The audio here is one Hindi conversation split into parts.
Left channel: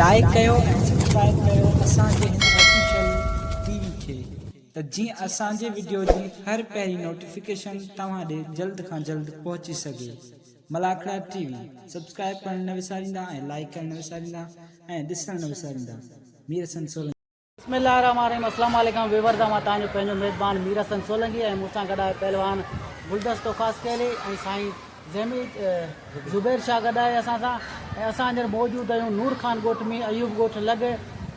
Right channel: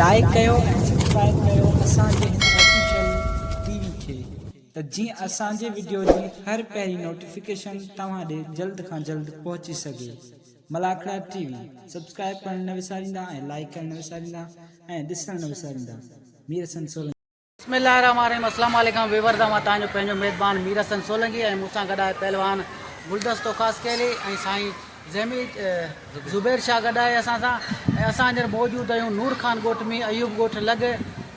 लाइक कयो ऐं सब्सक्राइब कयो असांजे हिन ऑफिशियल टीवी खे त जीअं असांजे वीडियो जी हर पहिरीं नोटिफिकेशन तव्हां ॾे जल्द खां जल्द पहुची सघे। मलाखड़ा टीवी सब्सक्राइब करण न विसारींदा ऐं लाइक करण न विसारींदा ऐं ॾिसण न विसारींदा। मीर हसन सोलंकी। बिस्मिल्लाहिर्रहमानिर्रहीम। अस्सलाम वालेकुम विवर्दा मां तव्हांजो पंहिंजो मेज़बान मीर हसन सोलंकी ऐं मूंसां गॾु आहे पहलवान गुलदस्तो ख़ासि केले ऐं साईं ज़मीर ज़ुबैर शाह गॾु आहे असां सां। ऐं असां हींअर मौजूदु आहियूं नूर खान ॻोठ में, अयूब ॻोठ लॻ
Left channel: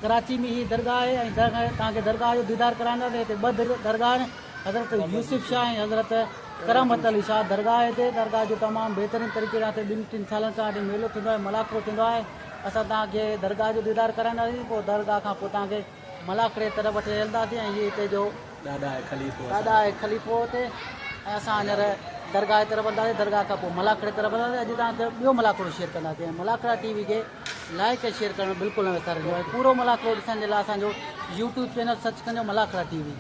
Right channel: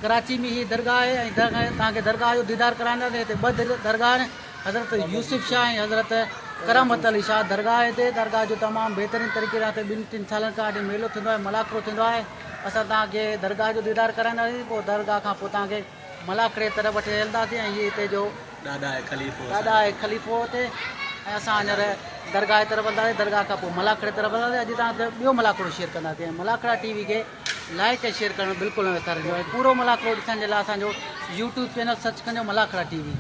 कराची में ही दरगाह आहे ऐं तव्हांखे दरगाह जो दीदार कराईंदासीं। हिते ॿ दरगाह आहिनि, हज़रत यूसुफ शाह ऐं हज़रत करमत अली शाह दरगाह आहे। हिते दरगाह जो तमामु बहितरीनु तरीक़े सां हिते 2-3 सालनि खां हिते मेलो थींदो आहे, मलाखड़ो थींदो आहे। असां तव्हांखे दरगाह जो दीदार कराईंदासीं, पोइ दरगाह खां पोइ तव्हांखे मलाखड़े तरफ़ वठी हलंदासीं। ऐं इहे हिते जो ॾाढा आहे ख़लीफ़ो हिते। ऐं असां हींअर दरगाह जी तरफ़ हलंदासीं, दरगाह खां पोइ मलाखड़े तरफ़ हलंदासीं। अॼु तव्हांखे ॿियो मलाखड़ो शेयर कंदासीं। ऐं मलाखड़ा टीवी खे लाइक ऐं शेयर करणु बिल्कुलु न विसारिजो। ऐं पूरो मलाखड़ो ॾिसण जे लाइ असांजो यूट्यूब चैनल सर्च कजो मलाखड़ा टीवी।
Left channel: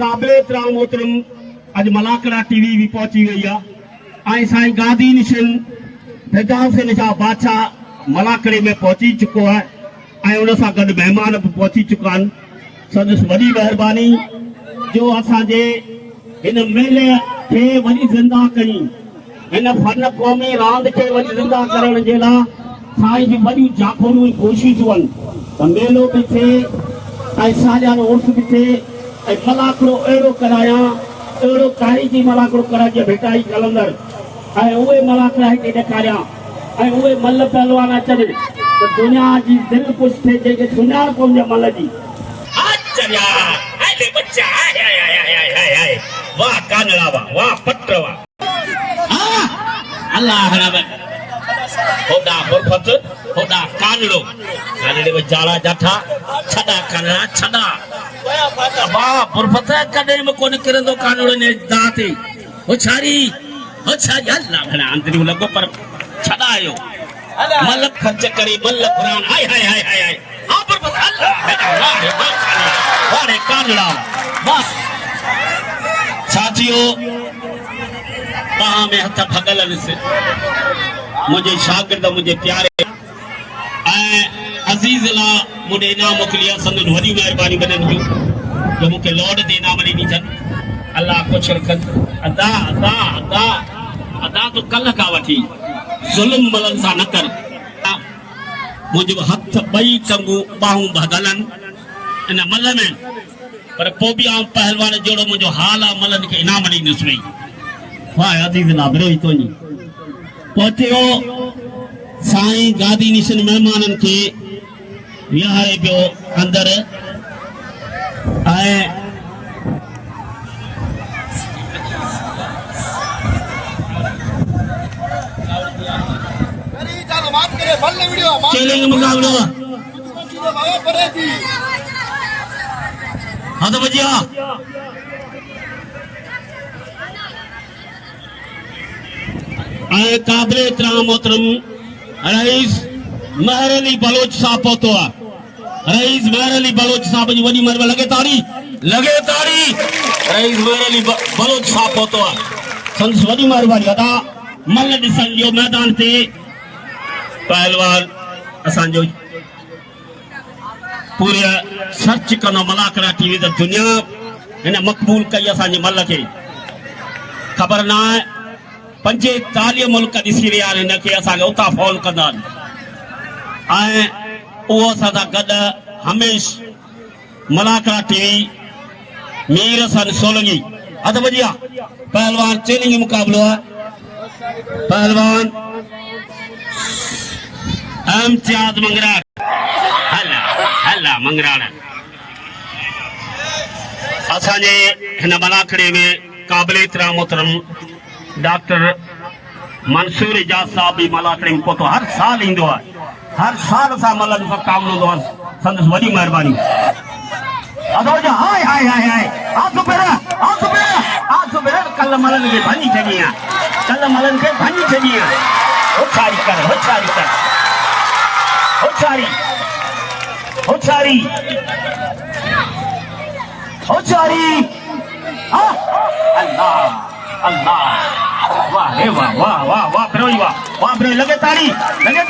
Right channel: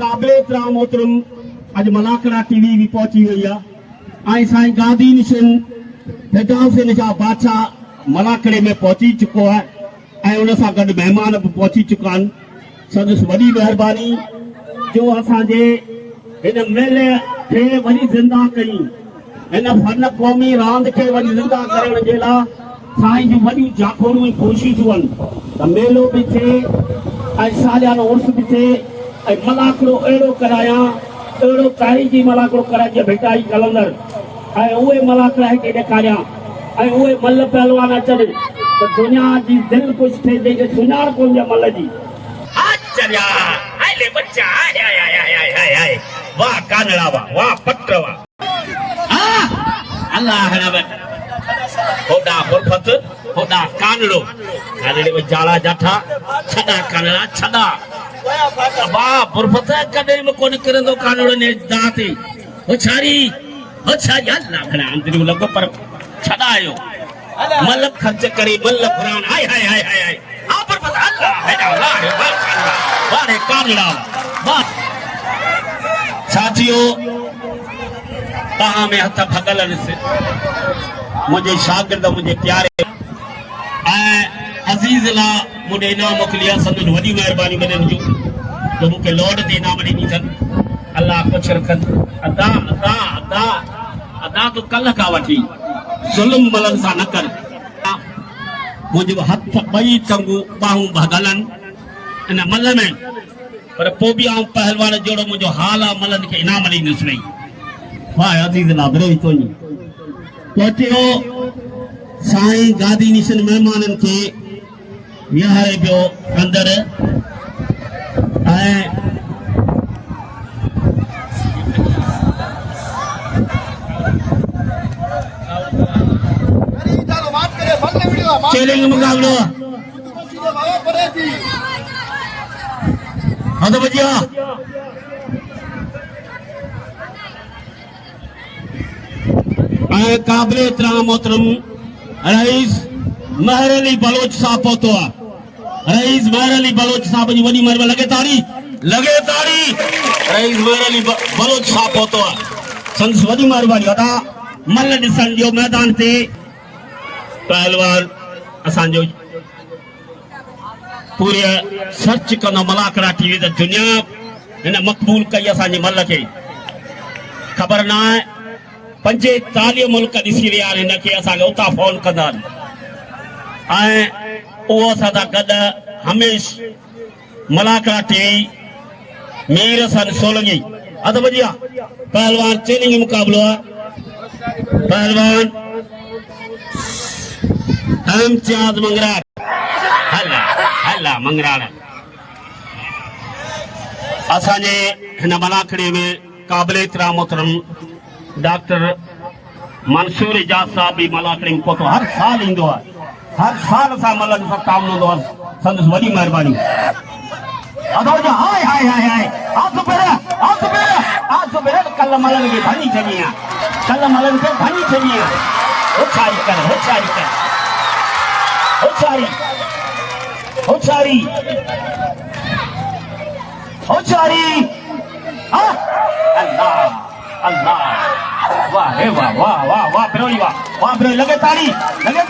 काबिल एतिराम मोहतरम अज मलाखड़ा टीवी भी पहुंची गई है। साईं गादी निशन फिरदौस जा बादशाह मलाखड़े में पहुंची चुको है। उन सां गॾु मेहमान भी पहुंची चुका आहिनि। संदसि वॾी महिरबानी जो असांजे हिन मेले खे वरी ज़िंदा कई, हिन फन क़ौमी रांदि खे वरी ज़िंदा करण जे लाइ साईं जी वॾियूं जाखोड़ूं ऐं कोशिशूं आहिनि त मेलो बि थिए ऐं सालियानो उर्स बि थिए ऐं मलाखड़ो अहिड़ो करायां, अहिड़ो तारीख़ी मलाखड़ो कराए भेटाई कलंदड़ ऐं उहे मलाखड़ा हिते ॾेखारियां ऐं उहे मल पहलवान अचनि त दुनिया जी दिलि ख़ुशि थिए जंहिंखे सुञाण कोन्हे मल जी। वाह कानड़ा वाह पट अल्लाह होदा फुरफत होदा कानड़ो कानड़े में जाला जाठा छड़ा कानड़ा छड़ा वाह फुरफत कदे में कोन करंदो कानड़ो ने दाते हो छारी अल्लाह भला अंदरी लगो पर छड़ा आयो मल खर्च करे मल कुरान हाय हाय हाय हाय हाय हां फुरफत अल्लाह है वाह रे कानड़ा वाह साथियों तहां में हथ भगल से मुझे शागिर्द मुझे प्यारे अजीज ला मुझे इनाम मोकिलिया संदन वॾी महिरबानी बदन जो मुझे लौट ते इनाम ॾिनी अथनि। अल्लाह कुझु रखनि अदा अदा अदा अदा तो कल खां वठी ज़ुल्म मलनि सां न कर। मुंहिंजो हथ ॿई टंगूं ॿाहूं भगलनि इन मल में, पर पोइ बि आउं पहलवान जहिड़ो मुंहिंजो हाल आहे मलनि खे इनाम ॾींदुसि वई। वाह अजीज ला बरे तो पहुचियो साईं गादी निशन मेहमाननि खे विहारे पियो अंदरि ऐं चैलेंज मुकाबलो हाँ तो बजिया काबिल एतिराम मोहतरम रईस महर अली बलोच साहब पहुतो आहे। रईस महर अली बलोच साहब जी वॾी महिरबानी लगे ताड़ी रईस महर अली बलोच साहब पहुतो आहे। संदसि वॾी महिरबानी अदा मल ॾिसण जो मैदान ते पहलवान असांजो पूरे सर्च कंदो मलाखड़ा टीवी त दुनिया हिन मक़बूल कई असांजे मल खे। ख़बर न आहे 45 मुल्क ॾिसी रहिया आहिनि हिनखे, असांखे उतां फॉलो कंदा आहिनि ऐं उहो असां सां गॾु हमेशह मलाखड़ा टीवी मीर हसन सोलंकी हथ बजिया पहलवान चैलेंज मुकाबलो है। पहलवान इम्तियाज मंगरा मंगराड़ असांजे हिन मलाखड़े में काबिल इतराम मोहतरम डॉक्टर मंसूर इजाज साहब भी मलाखड़े में पहुतो हर साल ईंदो आहे हर साल असां मलन सां काम ईंदो आहे संदसि वॾी महिरबानी हाय हाय हाय हाय कल मलन खे भञी छॾी आहे कल मलन खे भञी छॾी आहे होछारी कर होछारी कर होछारी होछारी होछारी अल्लाह अल्लाह वाह रे वाह वाह वाह वाह ब्रोई वाह ब्रोई लगे ताड़ी लगे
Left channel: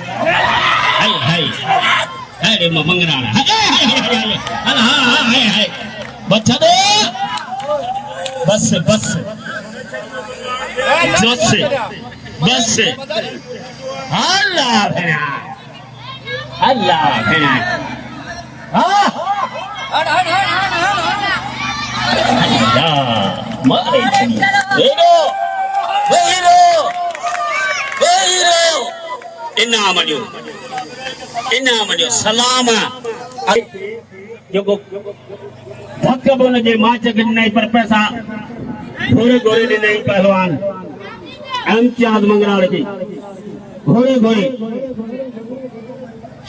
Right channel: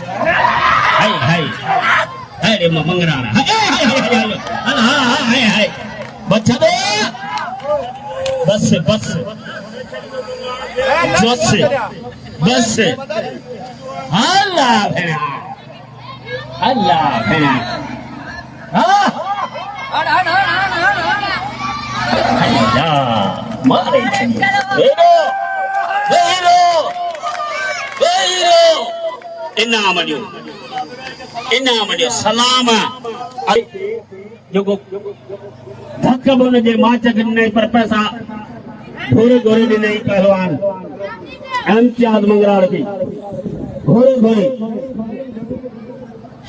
हाय हाय हाय रे मंगराड़ा हाय हाय हाय हाय बच्चा दे बस बस बस बस अल्लाह भेड़ा अल्लाह भेड़ा हाँ मारे हीरो हीरो हीरो इनाम ॾियो सलाम जेको धक बि हुनजे माच खे ॾिनई पर पैसा घोड़े घोड़े ॾिनई पहलवान इम्तियाज़ मंगराड़ खे घोड़े घोड़े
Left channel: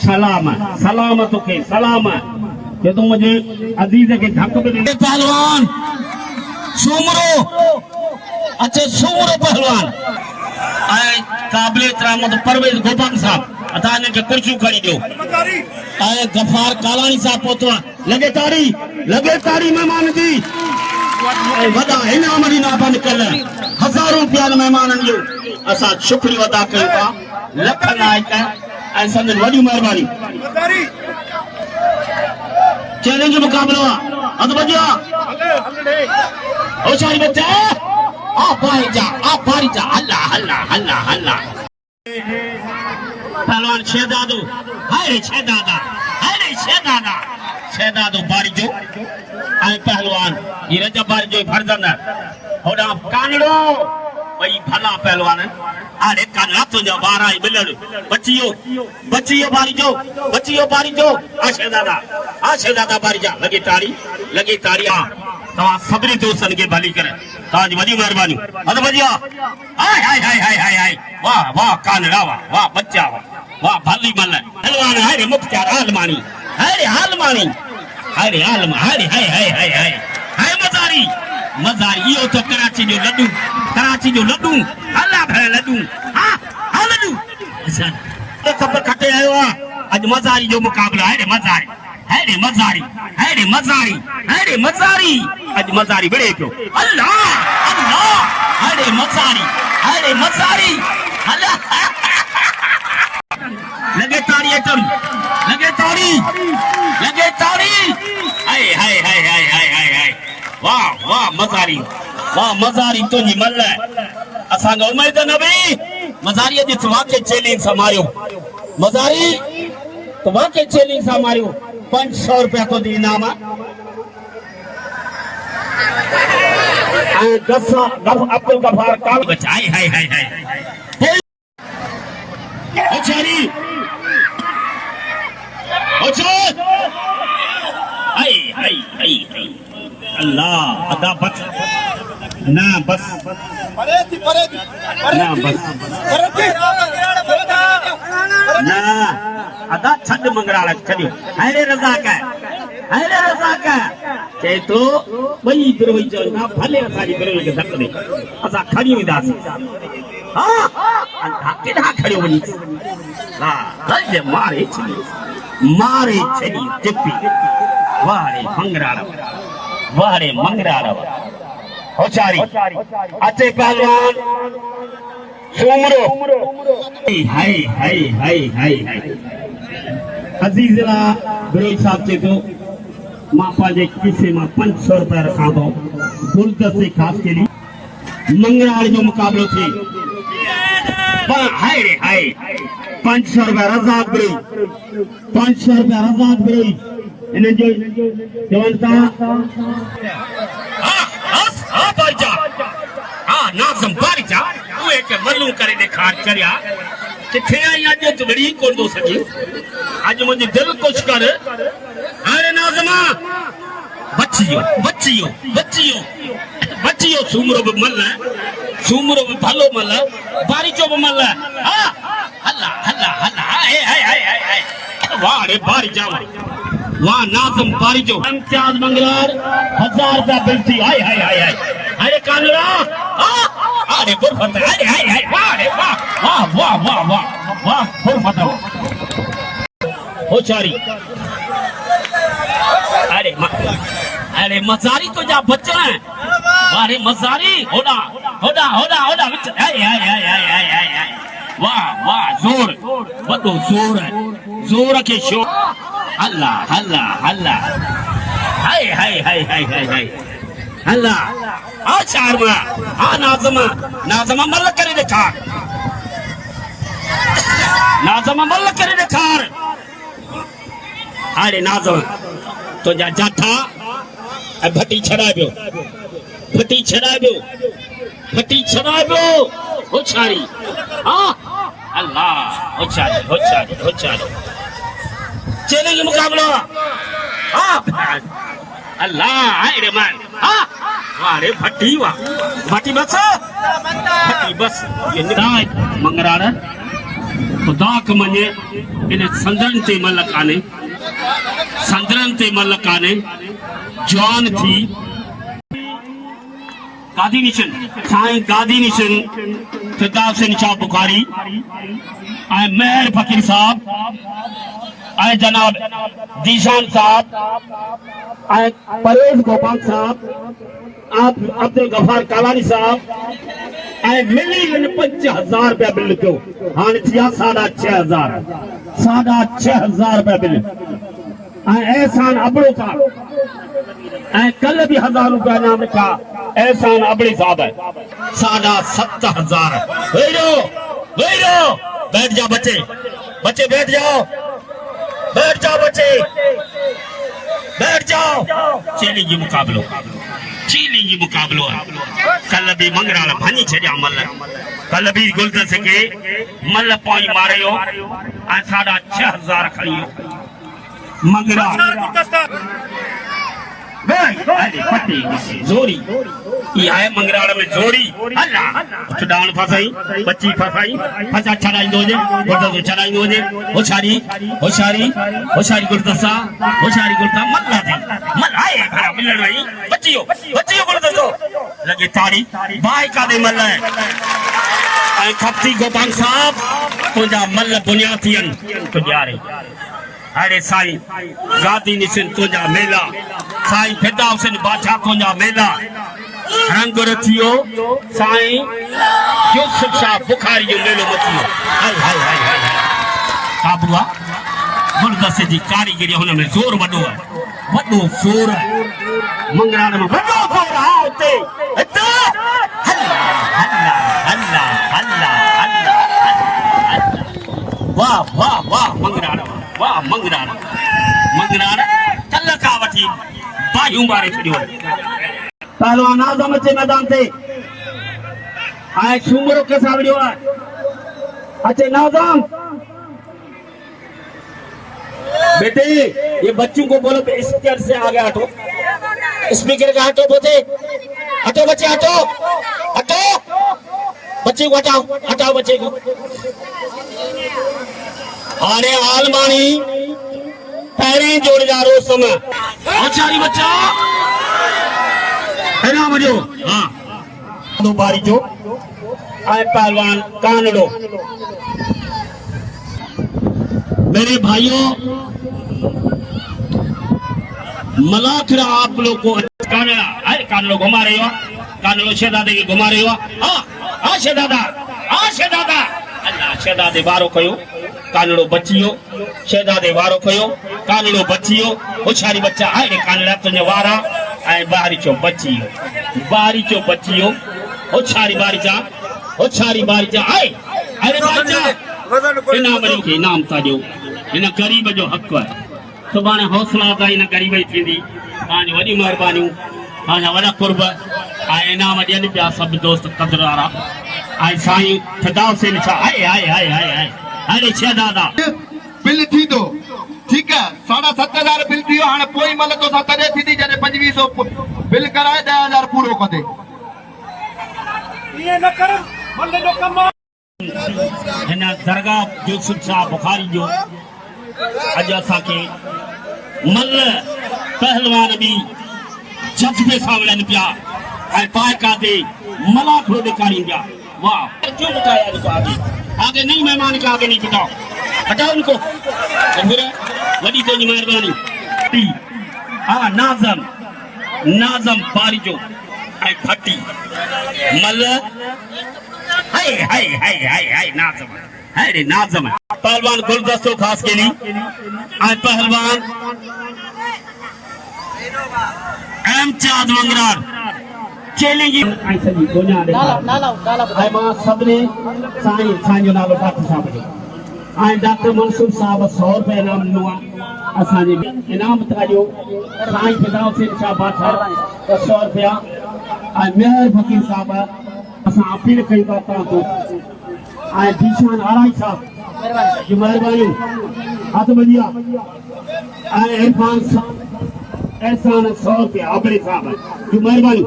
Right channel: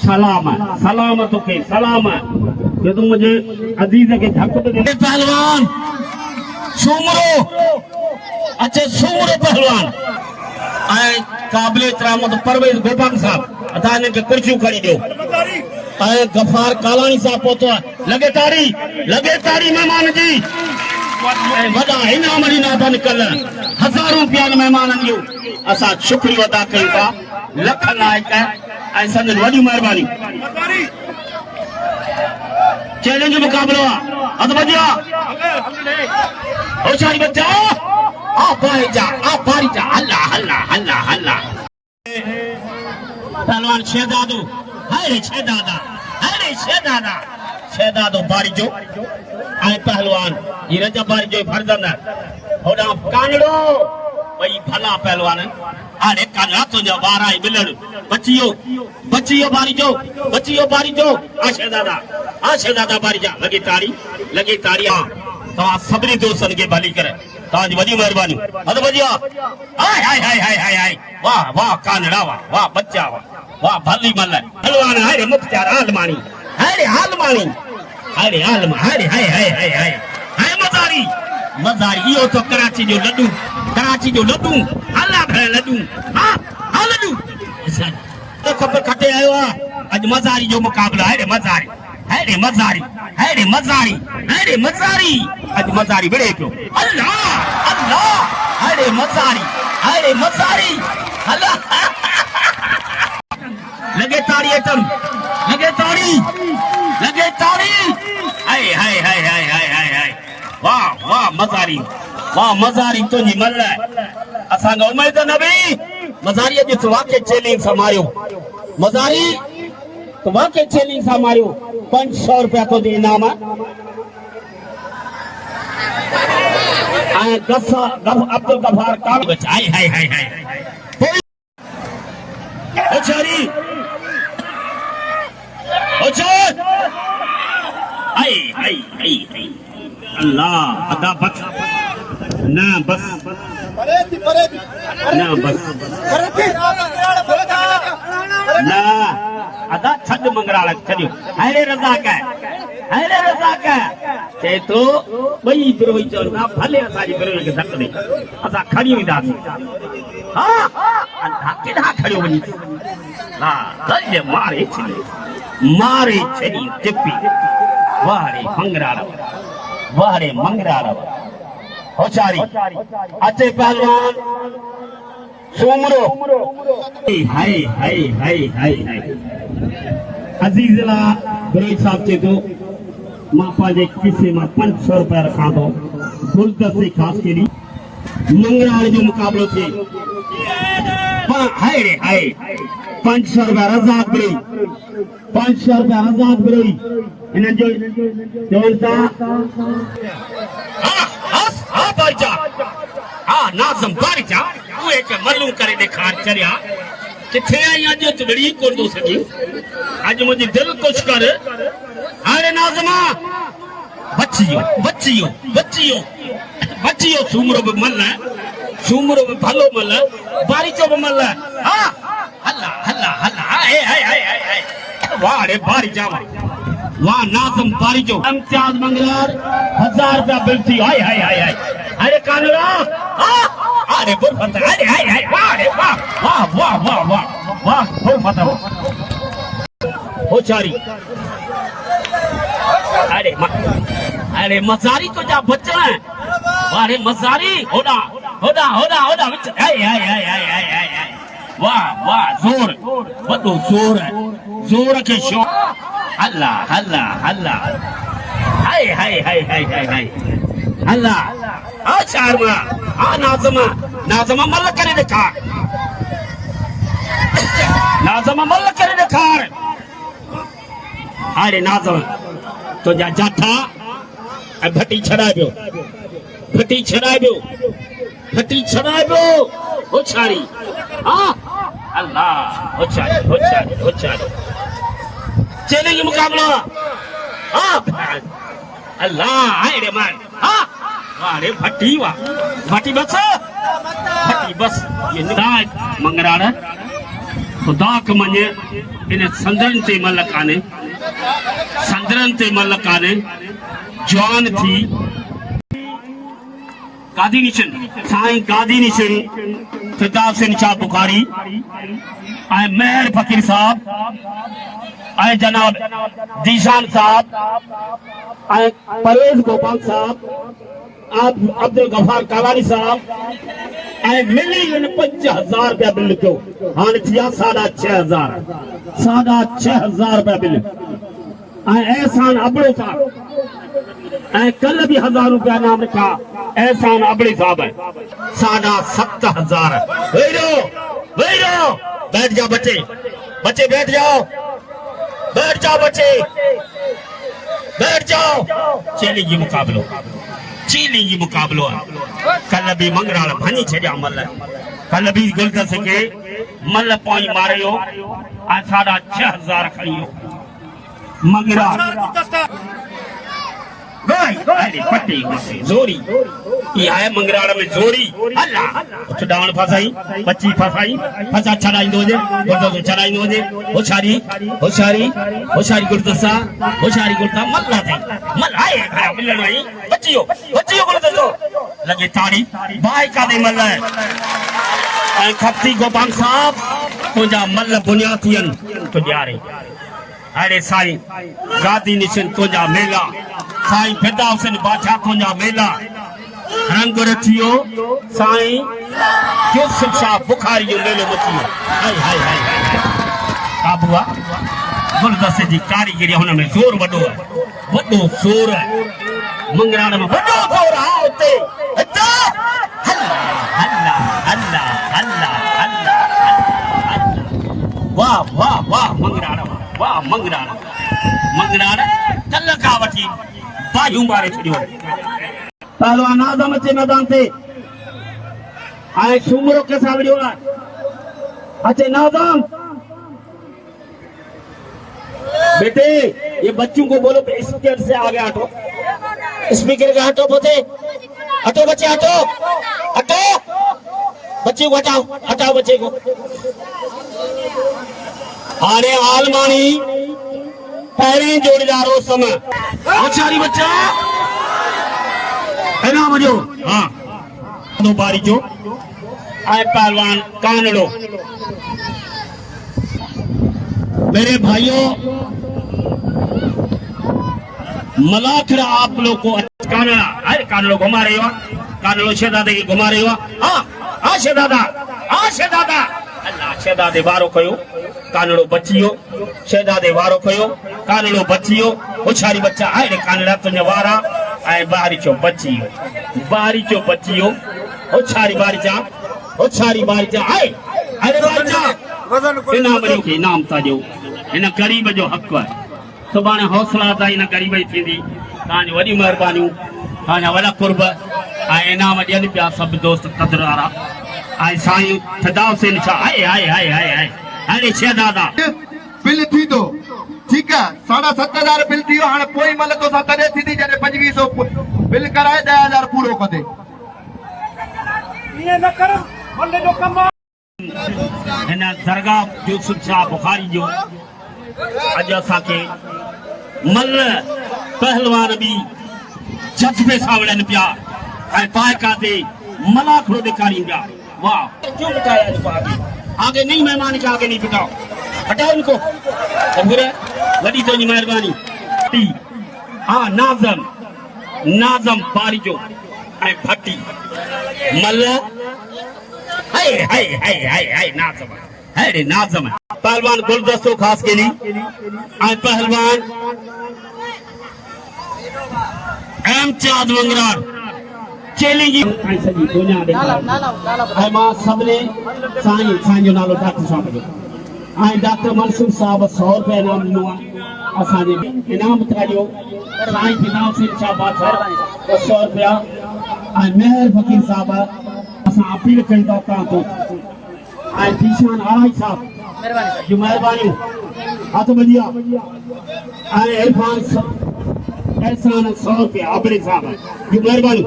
सलाम सलाम तोखे सलाम कि तू मुझे अजीज के धक पे दे पहलवान सूमरो अच्छे सूमरो पहलवान आए काबिल इतराम परवेज गोपाल साहब अता इनके कुर्सियों खड़ी दो आए गफार कालानी साहब पहुतो लगे ताड़ी मेहमान जी वदा इनाम ॾिना बंद कल हज़ारों रुपया मेहमाननि जो असां शुक्रिया अदा कयूं था लख नायक ऐं संदन वॾी महिरबानी चैलेंज मुकाबला अद बजा ओ शाही बच्चा आ बारी जा अल्लाह अल्लाह अल्लाह अल्लाह पहलवान शहजादो हाय शहजादो बारी जो आए पहलवान ये रजब बारी जो फरजंद होड़ा कानड़ो भाई भला पहलवान अरे काला तुझा बारा बिलर बच्चियो बारी जो आ शहजादा बारी जा लगे ताड़ी हां तवा सबरी दोस्तन के भली करे ताज वडी मेहरबानी अद बजिया हाय हाय हाय हाय हाय हाय वाह वाह कानड़ा वाह बच्चा वाह भली मल पहलवान अरे मुख्तार आलमानी अरे आलमा हाय हाय हाय हाय हाय मज़ारी यो तो कराची जो लड्डू अल्लाह भला लड्डू हां लड्डू तो कब खटे आयो आज मज़ारी जो मुकाबला है मज़ारी आज मज़ारी बड़े क्यों अल्लाह अरे मज़ारी अल्लाह लगे ताड़ी तुम लगे ताड़ी हाय हाय हाय हाय हाय हाय वाह मज़ारी तो जी मल असा उम्मीद न भी मज़ारी जे वाके चैलेंज समारियो मज़ारी तो वाके चैलेंज समारियो 500 रुपया को दे इनाम आए अब्दुल गफार का बचाई हाय हाय हाय ओछारी हाय हाय हाय अल्लाह अदा बच ना बस ना अदा छद मंगराड़ छड़ियो हैरे रजा का के तो वही बिरोई जो ना भले असा जी बिरोई के धक दे असा खड़ी विदासी हां अल्लाह केडा खड़ी वनी ना रज मारे छड़ी टिप्पी वारे मंगराड़ होशारी अचे पहलवान सूमरो हाय हाय हाय हाय हाय अजीजला बिरोई साहब चे तो मां पाजे किसे मां 500 रुपया रखा दो गुलदस्ते खास के लिए मंगराड़ जो मुकाबलो थे हाय रे हाय 500 रुपया रज़ाक बिरोई इन जो चवंता हां बारिजा हां नाज़म बारिजा उहे के मल्लू करे दिखार चरिया किथे आई अज तो बड़ी कोन दो सके आज मुझे दिल कुछ कर अरे नाज़मा बच्चियो सूमरो भी मल है, सूमरो भी भलो मल है, बारीचो भी मल है। हाँ हल्ला वाह रे बारी जावा वाह नाज़म बारीचो इम्तियाज मंगलार 1000 रुपया बिल थी। हाय अरे कानूरा अरे गुरफत अरे वाह रे वाह गुरफत होशारी अरे मजारी तो जा बच्चा है। अरे मजारी होड़ा विच वाह जोर वडो जोर के शो हल्ला हाय हल्ला आ चारमा आ नाज़मा मल करे देखा अरे नाज़मा तो जा जाथा भटी छड़ाबियो होशारी अल्लाह होशारी चलेंगे मुकाबला। अल्लाह अरे मान वारे भट्टी बस ये निदाज मंगराड़ा खुदा के मने इन संदरन ते मलकाने जवान थी गादी निशन फिरदाउस शाह बुखारी आए मेहर फकीर साहब आए जनाब जीशान साहब आए परवेज गोपाल साहब आप अब्दुल गफार कालानी साहब आए मिली 5000 रुपया बिल लिखो हाँ थिया 6,500 रुपया बिल आए एहसान अबड़े साहब कल भी 1000 रुपया नाम लिखा एहसान अबड़े साहब है 7,500 बैठ जाओ बच्चे बैठ जाओ चैलेंज मुकाबलो है। कल भी मंगराल भनी छजा मल कल भी गुलदस के मल पॉइंट मारियो 6,500 खड़ियो मंगरा पट्टी जोरी ये आया मंगराड़ में जोरी डावण फसाई बच्ची फसाई फसा छड़ाई दोजे गुलदस छड़ाई दोजे होशारी गुलदसा मल्ला थे मल आए मिलन रही बच्चियो गुलदसो लगे ताड़ी बाई का दे मल है खपती गोपाल साहब तुझा मल बुनियादियन तुझारे अरे साईं गादी निशन तुझा मेला साईं फिरदाउस बादशाह तुझा मेला रंग रचियो साईं यूसुफ शाह बुखारी जो मेलो मचियो हाय काबुआ गुलदस्ते जी कारीगरी हुन में जोर वडो जोर है मंगराण में वडो जोर है उते वाह मंगराण कल का वठी बाजू मारे छड़ियो पहलवान नाज़म अचे मैदान ते आए सूमरो के सावड़ियो अचे नाज़म बेटे ये बच्चों को बोलो तो स्पीकर से आगे हटो स्पीकर के हटो बच्चे हटो बच्ची को हटाओ बच्चे को आने आलमानी पहले जोड़ीदारो समय आचारी बच्चा है ना मजो हाँ दो बारी जो आए पहलवान कानड़ो मेरे भाइयों मलाखड़ा आप लोग को कानड़ा अरे कानड़ो घुमा रहे हो कानड़ो शहजादे के घुमा रहे हो हाँ शहजादा अल्लाह शहजादे वारो कयो कानड़ो बचियो शहजादे वारो कयो कानड़ो बचियो होशारी बच्चा आए कानड़ा तुझे वारा आए बारीचो बचियो होशारी बारीचा आए अरे बारीचा इनाम ताजो इन गरीब जो हक है सुभाणे हौसला ता इन गरीब ही थींदी तांजी वडी मेहरबानी तांजा वडा कुर्ब आए इनाम ॾियनि पिया सभु दोस्त कदर वारा आए साईं फिरदाउस शाह आए अरे शहजादा बिल थी दो ठीक है 7,500 बिल थी हाँ पोई मल तो तॾहिं थी जॾहिं 2500 बिल कराए 10,000 पूरो कदे हिन दरगाह यूसुफ शाह बुखारी जो अॼु असांखे मल पहलवान बि जज्बे सां विढ़नि पिया ऐं पाइका ते मलाखड़ो ॾेखारियूं पिया वाह क्यों बताया इनको आगे नहीं मेहमान के आगे नहीं बिठाओ हटाओ उनको वॾी कोई मेहरबानी हाँ नाज़म बारिजो ऐं भट्टी मल हाय हाय हाय हाय हाय नाज़म पहलवान गुलदस्तो खास के लिए ऐं पहलवान एम चाद वंगरार चैलेंज ऐं सॼी दुनिया ॾेखारे ऐं मां सभिनी साईं जो नालो डॉक्टर साहब जो ऐं डॉक्टर मंसूर साहब 100 रुपया इनाम ॾिनो आहे असांजे इनाम तारियो साईं फिदाउल सिंह शाह बादशाह 100 रुपया ऐं मेहर फकीर साहब असां अपील कयूं था तव्हां खां ऐं जीशान अढ़ाई साहब जी महिरबानी हथ ॿधिया ऐं इरफान एहसान 100 रुपया अपने साहब जी महिरबानी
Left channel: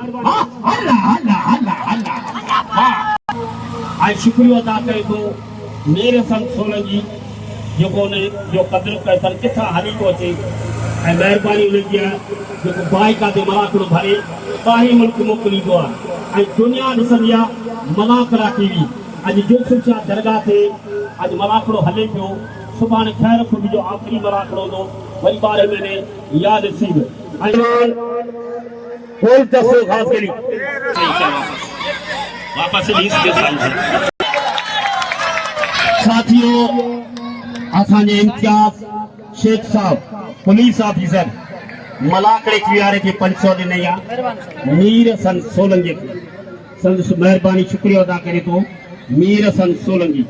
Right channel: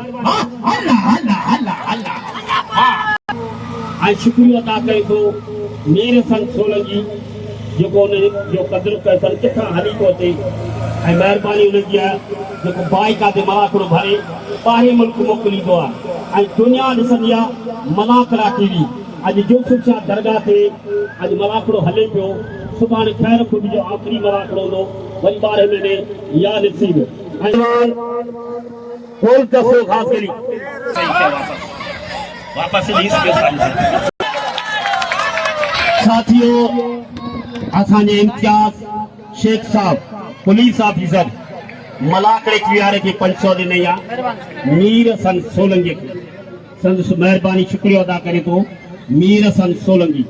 ऐं शुक्रिया अदा करे थो मेरे संग सोलंकी जेको जो कदुरु कयो अथनि किथां हली थो अचे ऐं महिरबानी उनजी आहे जेको बाइका ते मलाकड़ो भरे ॿाहिरि मुल्क मोकिलींदो आहे ऐं दुनिया ॾिसंदी आहे मलाकड़ा टीवी अॼु यूसुफ शाह दरगाह ते अॼु मलाकड़ो हले पियो सुभाणे ख़ैर खुद जो आख़िरी मलाकड़ो हूंदो वरी 12 महीने या नसीब कोई दसो खास करी वापस साथियों असांजे इम्तियाज शेख साहब पुलिस ऑफिसर मलाकड़े कियारे के 500 ॾिनई आहे मीर हसन सोलंकी संदसि महिरबानी शुक्रिया अदा करे थो मीर हसन सोलंकी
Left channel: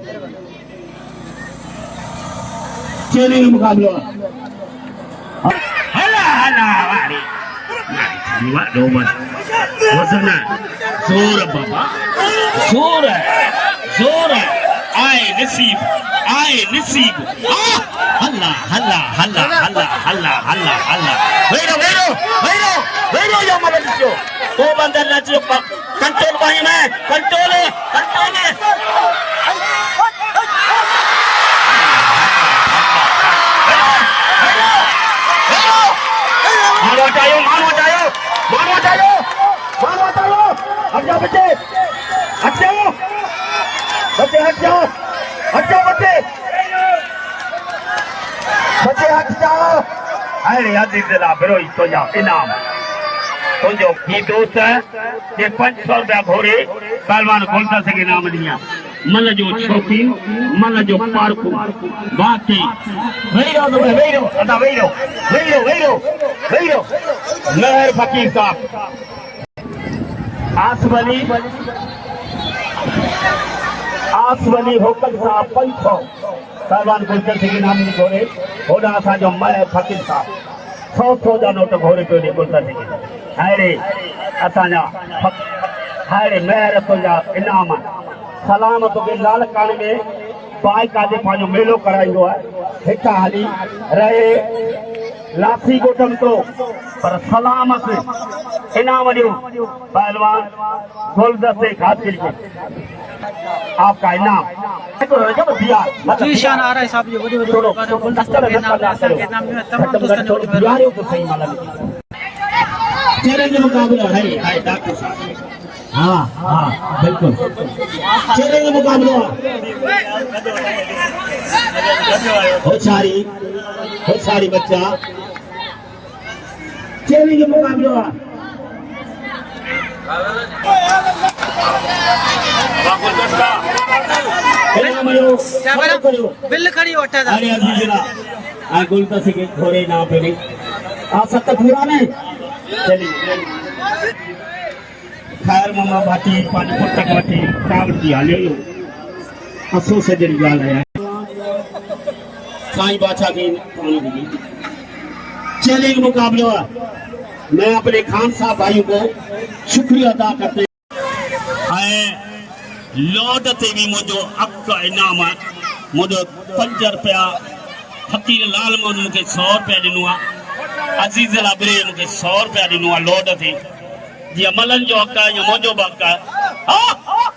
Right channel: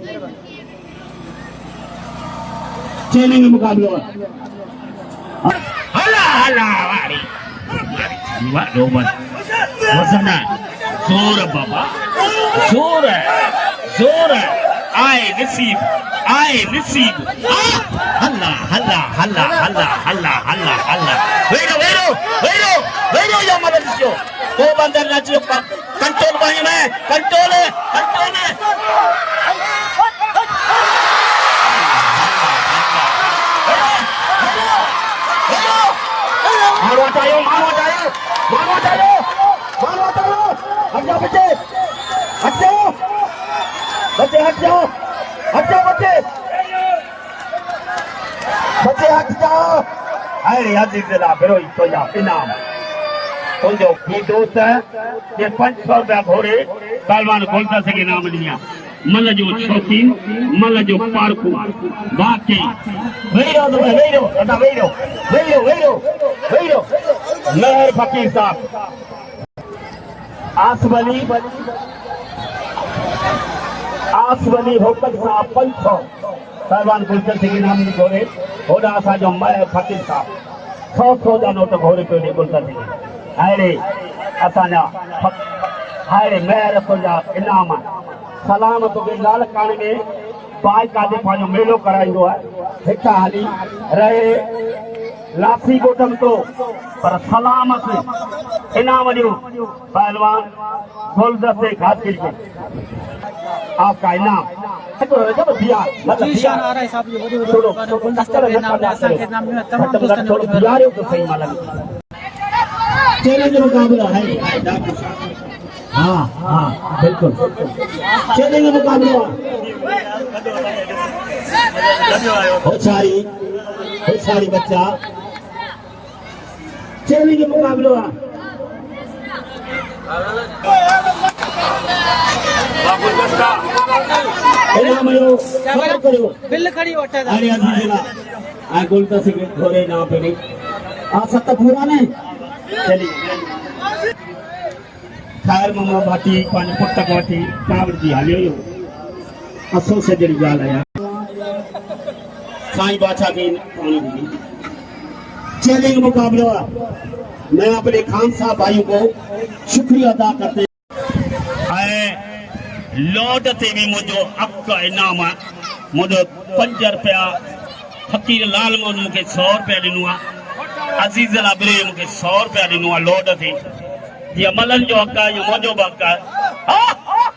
चैलेंज मुकाबलो जोर बाबा जोर आए नसीब हल्ला हल्ला हल्ला हल्ला हल्ला हल्ला हल्ला वेरो या मबलियो तो बंदर नचियो कंट्रोल भाई में कंट्रोल हट जाओ बच्चे हट जाओ हट जाओ अरे याद दिला बिरोई तो जा इनाम तो जो ही दोस्त है ये 500 रुपया घोड़े पहलवान बोलता सके इनाम दिया मल जो शौकीन मल जो पारकू बाकी वेरो मेहर फकीर साहब आसवली होकल साहब 500 पहलवान बोलता सके इनाम घोड़े होड़ा असांजो मेहर फकीर साहब 100 जा नोट घोड़े पे बोलता सके हायरे असांजा हायरे मेहर तुंहिंजा इनाम सलाम तोखे लालकाने में बाइका ते पंहिंजो मेलो कराईंदो आहे हितां हली रहे लाठी गोटम तो पर सलामत इनाम ॾियो पहलवान गुलदस्ते खातिर को आपका इनाम जीशान आराई साहब जो वॾी वॾी गुलदस्ते के नाम असांखे नाम तमाम दोस्तन जो दिवारियों तो सही मालूम चैलेंज मुकाबला है डॉक्टर साहब हाँ बिल्कुल चैलेंज मुकाबला हो सारी बच्चा चैलेंज मुकाबला बिल खड़ी वठे अरे आ गुलदस्ते के घोड़े ना पे आप सब तक पूरा नहीं चलिए खैर मामा भाटी पानी पुटक वठी कावड़ जी हलियो असो सजड़ी गाल है साईं बादशाह की चैलेंज मुकाबला मैं अपने खान साहब भाइयों को शुक्रिया अदा करते लौट ते भी मुझो अक इनाम है मुझो 5 रुपया फकीर लाल मोहन मूंखे 100 रुपया ॾिनो आहे अज़ीज़ अबरे मूंखे 100 रुपया ॾिनो आहे लोड ते जीअं मलन जो हक़ आहे या मुंहिंजो बि हक़ आहे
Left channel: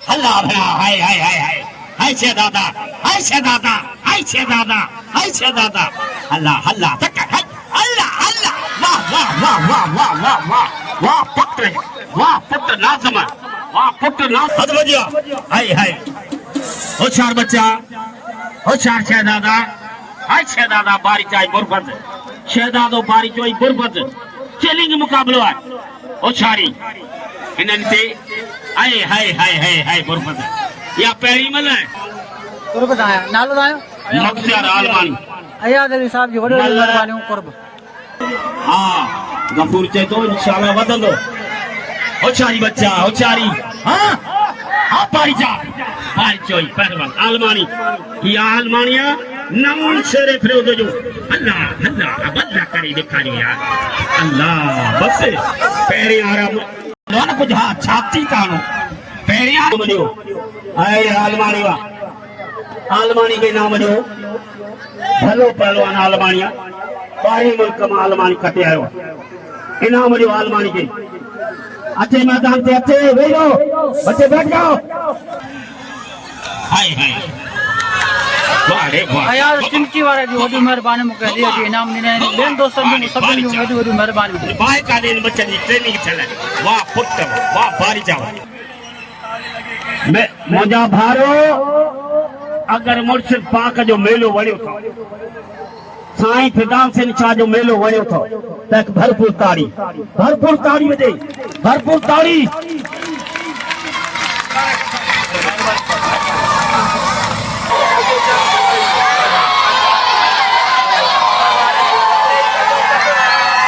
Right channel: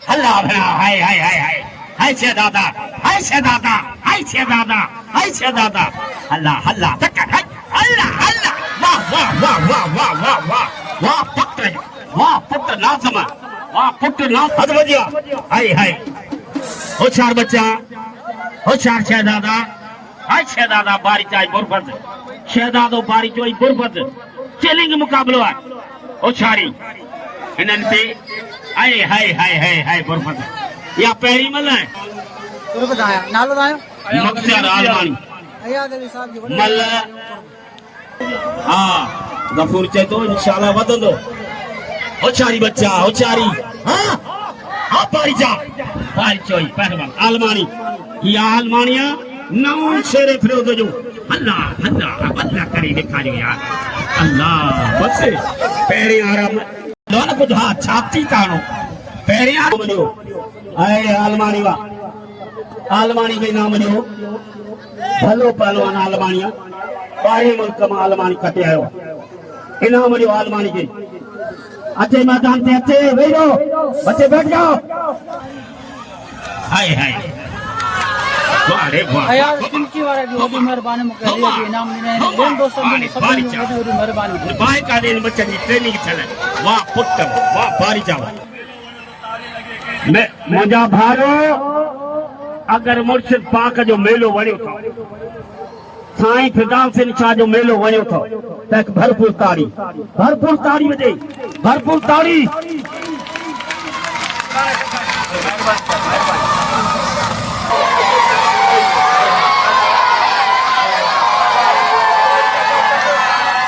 हला भया हाय हाय हाय हाय हाय छे दादा हाय छे दादा हाय छे दादा हाय छे दादा हला हला तक हला हला वाह वाह वाह वाह वाह वाह वाह वाह पुत्र नाज़म वाह पुत्र नाज़ हद वजिया हाय हाय होशियार बच्चा होशियार शहजादा हाय शहजादा बारी चाई गुरबत शहजादो बारी चोई गुरबत चैलेंज मुकाबलो है होशियारी इन्हनि ते हाय हाय हाय हाय हाय गुरबत या पहिरीं मल है कुर्ब आया नालो आयो नक्सियार आलमानी अयाद अली साहब जी वॾो मल्ल। महिरबानी कुर्ब हा गफूर चए थो इंशाल्लाह वधंदो होशियारी बच्चा होशियारी हाँ हाँ बारी जा बारी चोई पहलवान आलमानी ये आलमानिया नौन शेरे फिरोज जो अल्लाह अल्लाह अल्लाह करे दिखारियो यार अल्लाह बस पहिरें आराम दोन कुछ हा छाती तानो पहिरें आराम जो आए आलमानी के नाम जो भलो पहलवान आलमानिया पारे मुल्क में आलमानी कटे आयो इनाम जो आलमानी के अचे मैदान ते अचे वेही रहो बच्चे बैठ जाओ हाय हाय वाह रे वाह अयाद चिमची वारे जी वॾी महिरबानी मूंखे हली अची इनाम ॾिना आहिनि ॿियनि दोस्तनि जी सभिनी जूं वॾियूं वॾियूं महिरबानी बाय का दिन बच्चन जी ट्रेनिंग चले वाह पुत्र वाह बारी जाओ मैं मुंहिंजा भारो अगर मुर्शिद पाक जो मेलो वणियो थो साईं फिदाउल सिंह शाह जो मेलो वणियो थो त भरपूर ताड़ी वॼे भरपूर ताड़ी